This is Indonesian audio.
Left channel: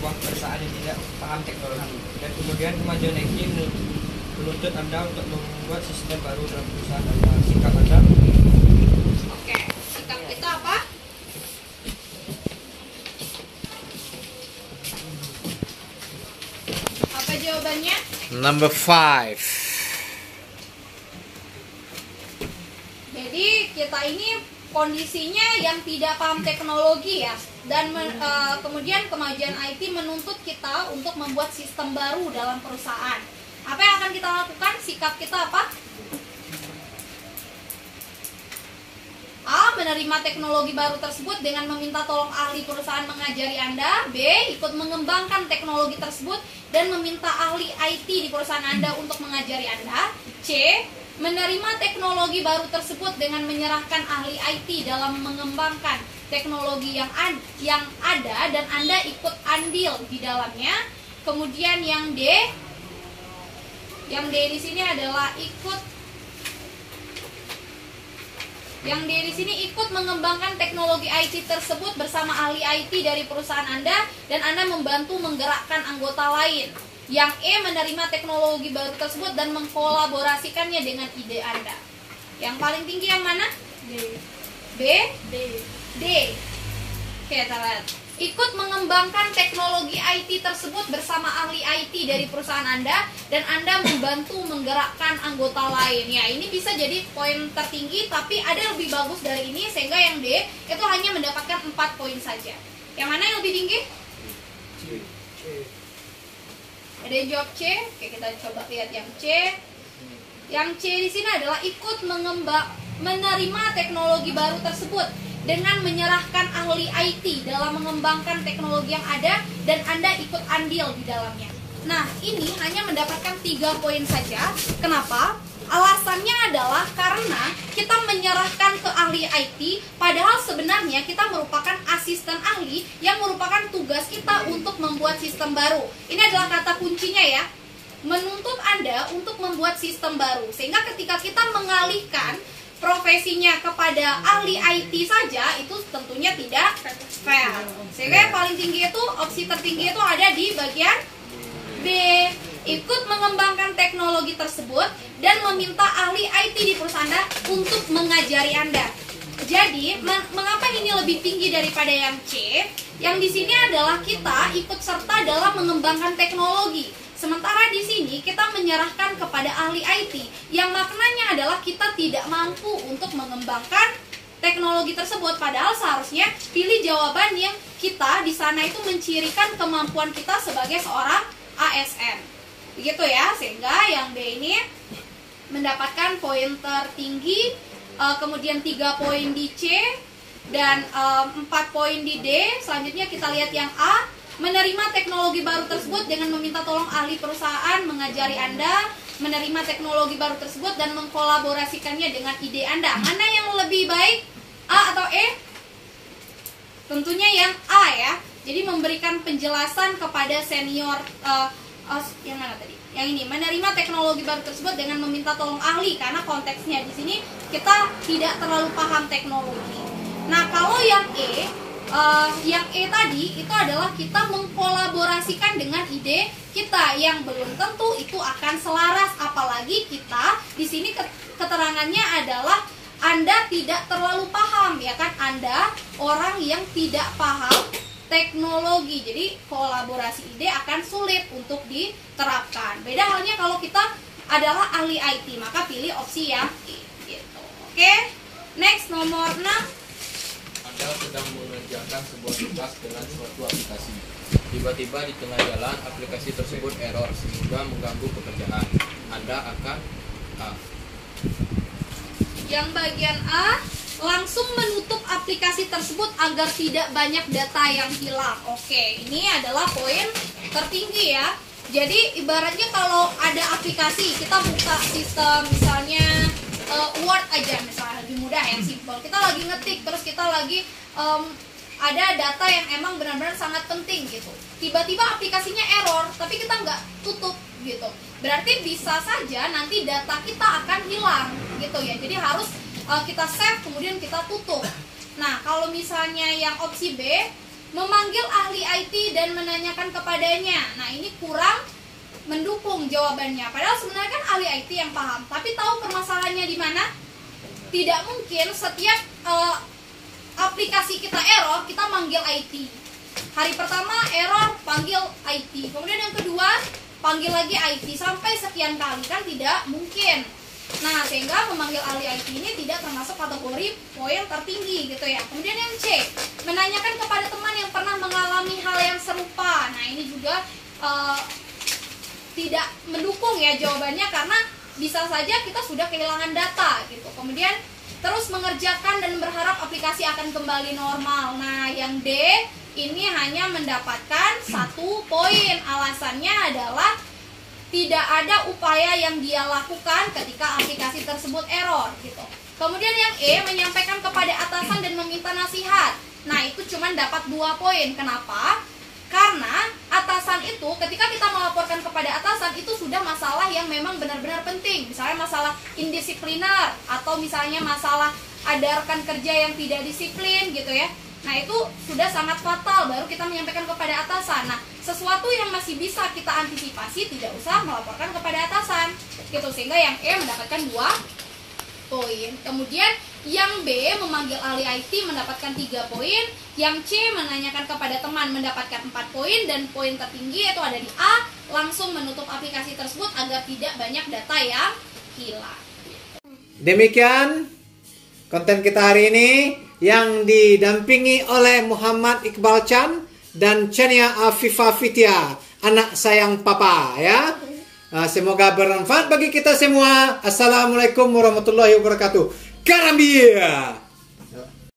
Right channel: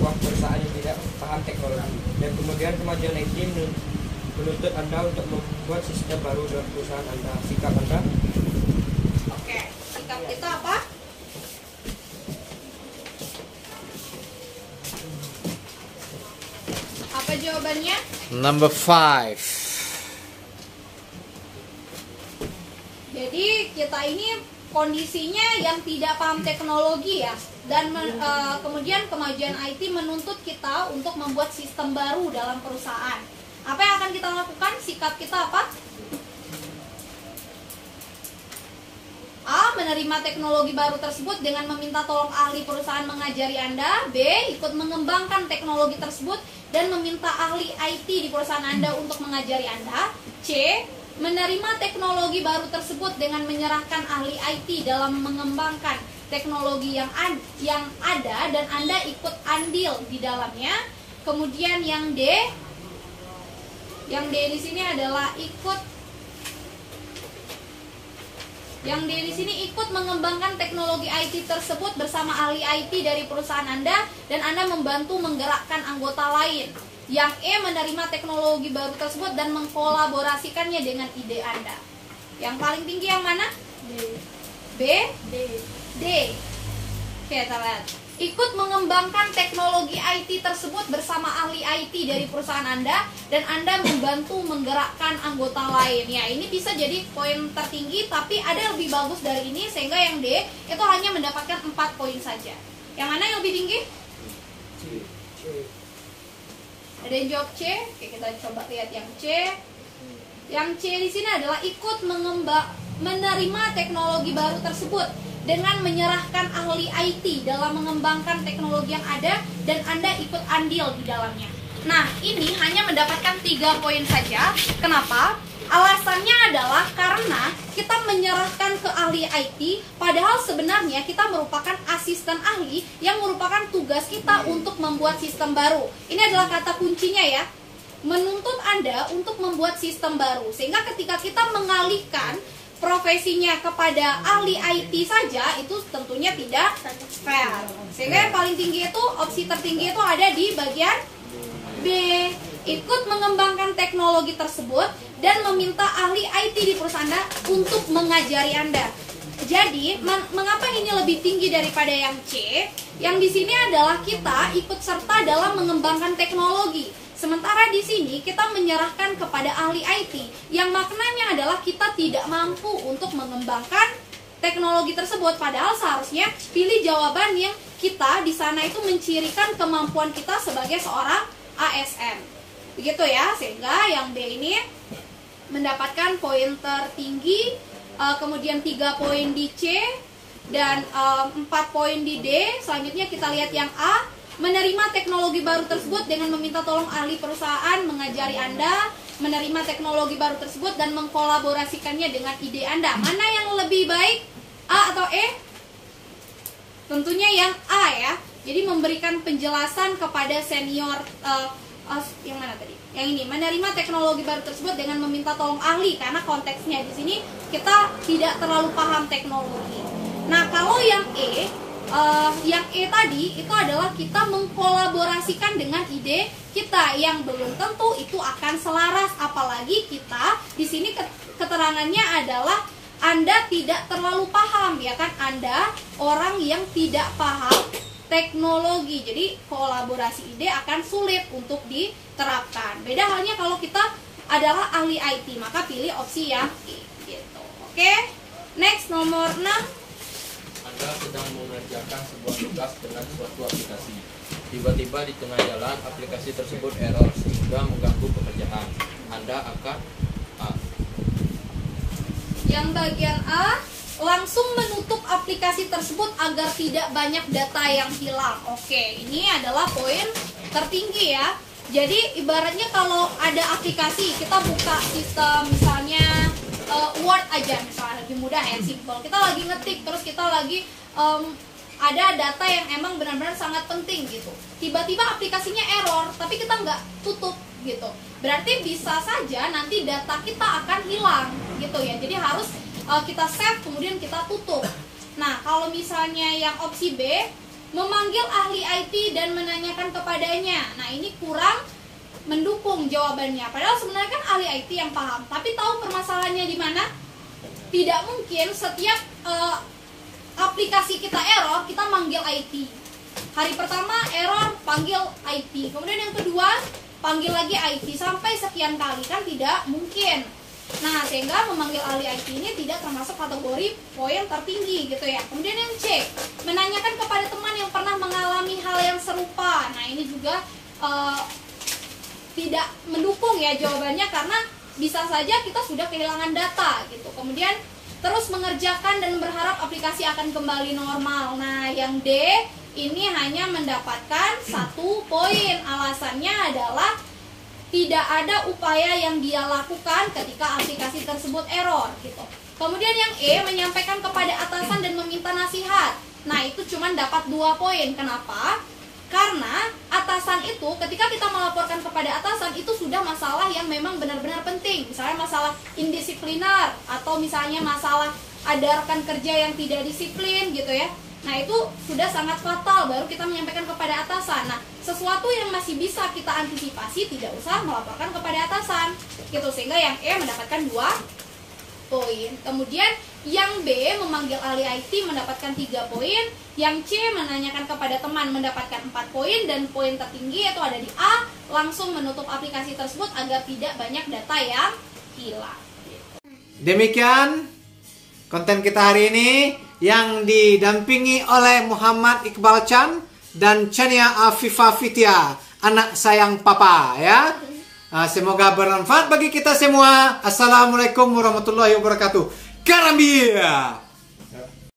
sebuah perusahaan yang tidak paham teknologi. Dan kemudian kemajuan IT menuntut Anda untuk membuat sistem baru dalam perusahaan Anda. Sikap Anda? Oke, sikap kita apa? Apa jawabannya? Number 5. Jadi kita ini kondisinya yang tidak paham teknologi ya, dan kemudian kemajuan IT menuntut kita untuk membuat sistem baru dalam perusahaan. Apa yang akan kita lakukan? Sikap kita apa? A. Menerima teknologi baru tersebut dengan meminta tolong ahli perusahaan mengajari Anda. B. Ikut mengembangkan teknologi tersebut dan meminta ahli IT di perusahaan Anda untuk mengajari Anda. C. Menerima teknologi baru tersebut dengan menyerahkan ahli IT dalam mengembangkan teknologi yang ada dan Anda ikut andil di dalamnya. Kemudian yang D di sini adalah ikut mengembangkan teknologi IT tersebut bersama ahli IT dari perusahaan Anda dan Anda membantu menggerakkan anggota lain. Yang E, menerima teknologi baru tersebut dan mengkolaborasikannya dengan ide Anda. Yang paling tinggi yang mana? D. B? D. Oke, kita lihat. Ikut mengembangkan teknologi IT tersebut bersama ahli IT dari perusahaan Anda dan Anda membantu menggerakkan anggota lain. Ya, ini bisa jadi poin tertinggi, tapi ada yang lebih bagus dari ini, sehingga yang D itu hanya mendapatkan 4 poin saja. Yang mana yang lebih tinggi? C. Ada yang jawab C. Oke, kita coba lihat yang C. Yang C di sini adalah ikut menerima teknologi baru tersebut dengan menyerahkan ahli IT dalam mengembangkan teknologi yang ada dan Anda ikut andil di dalamnya. Nah, ini hanya mendapatkan 3 poin saja. Kenapa? Alasannya adalah karena kita menyerahkan ke ahli IT, padahal sebenarnya kita merupakan asisten ahli yang merupakan tugas kita untuk membuat sistem baru. Ini adalah kata kuncinya ya, menuntut Anda untuk membuat sistem baru. Sehingga ketika kita mengalihkan profesinya kepada ahli IT saja, itu tentunya tidak fair. Sehingga yang paling tinggi itu, opsi tertinggi itu ada di bagian B. Ikut mengembangkan teknologi tersebut dan meminta ahli IT di perusahaan Anda untuk mengajari Anda. Jadi, mengapa ini lebih tinggi daripada yang C? Yang di sini adalah kita ikut serta dalam mengembangkan teknologi. Sementara di sini kita menyerahkan kepada ahli IT, yang maknanya adalah kita tidak mampu untuk mengembangkan teknologi tersebut. Padahal seharusnya pilih jawaban yang kita di sana itu mencirikan kemampuan kita sebagai seorang ASN. Begitu ya, sehingga yang D ini mendapatkan poin tertinggi, kemudian 3 poin di C dan 4 poin di D. Selanjutnya kita lihat yang A, menerima teknologi baru tersebut dengan meminta tolong ahli perusahaan mengajari Anda, menerima teknologi baru tersebut dan mengkolaborasikannya dengan ide Anda. Mana yang lebih baik, A atau E? Tentunya yang A ya. Jadi memberikan penjelasan kepada senior, yang mana tadi? Yang ini, menerima teknologi baru tersebut dengan meminta tolong ahli, karena konteksnya di sini kita tidak terlalu paham teknologi. Nah, kalau yang E tadi itu adalah kita mengkolaborasikan dengan ide kita yang belum tentu itu akan selaras, apalagi kita di sini keterangannya adalah Anda tidak terlalu paham, ya kan? Anda orang yang tidak paham teknologi, jadi kolaborasi ide akan sulit untuk diterapkan. Beda halnya kalau kita adalah ahli IT, maka pilih opsi yang E gitu. Oke, next nomor 6. Anda sedang mengerjakan sebuah tugas dengan suatu aplikasi. Tiba-tiba di tengah jalan aplikasi tersebut error sehingga mengganggu pekerjaan. Anda akan A. Yang bagian A, langsung menutup aplikasi tersebut agar tidak banyak data yang hilang. Oke, ini adalah poin tertinggi ya. Jadi ibaratnya kalau ada aplikasi, kita buka sistem misalnya Word aja misalnya, lebih mudah ya, simple. Kita lagi ngetik, terus kita lagi ada data yang emang benar-benar sangat penting gitu. Tiba-tiba aplikasinya error, tapi kita nggak tutup gitu. Berarti bisa saja nanti data kita akan hilang gitu ya. Jadi harus kita save, kemudian kita tutup. Nah, kalau misalnya yang opsi B, memanggil ahli IT dan menanyakan kepadanya. Nah, ini kurang mendukung jawabannya. Padahal sebenarnya kan ahli IT yang paham. Tapi tahu permasalahannya di mana? Tidak mungkin setiap aplikasi kita error, kita manggil IT. Hari pertama error, panggil IT. Kemudian yang kedua, panggil lagi IT. Sampai sekian kali, kan tidak mungkin. Nah, sehingga memanggil ahli IT ini tidak termasuk kategori poin tertinggi gitu ya. Kemudian yang C, menanyakan kepada teman yang pernah mengalami hal yang serupa. Nah, ini juga tidak mendukung ya jawabannya, karena bisa saja kita sudah kehilangan data gitu. Kemudian terus mengerjakan dan berharap aplikasi akan kembali normal. Nah, yang D ini hanya mendapatkan 1 poin. Alasannya adalah tidak ada upaya yang dia lakukan ketika aplikasi tersebut error gitu. Kemudian yang E, menyampaikan kepada atasan dan meminta nasihat. Nah, itu cuma dapat 2 poin. Kenapa? Karena atasan itu, ketika kita melaporkan kepada atasan, itu sudah masalah yang memang benar-benar penting. Misalnya masalah indisipliner, atau misalnya masalah ada rekan kerja yang tidak disiplin gitu ya. Nah, itu sudah sangat fatal, baru kita menyampaikan kepada atasan. Nah, sesuatu yang masih bisa kita antisipasi, tidak usah melaporkan kepada atasan gitu. Sehingga yang E mendapatkan 2 poin. Kemudian yang B, memanggil ahli IT, mendapatkan 3 poin. Yang C, menanyakan kepada teman, mendapatkan 4 poin. Dan poin tertinggi yaitu ada di A, langsung menutup aplikasi tersebut agar tidak banyak data yang hilang. Demikian konten kita hari ini yang didampingi oleh Muhammad Iqbal Chan dan Chania Afifah Fitia, anak sayang papa ya. Semoga bermanfaat bagi kita semua. Assalamualaikum warahmatullahi wabarakatuh. Karambia.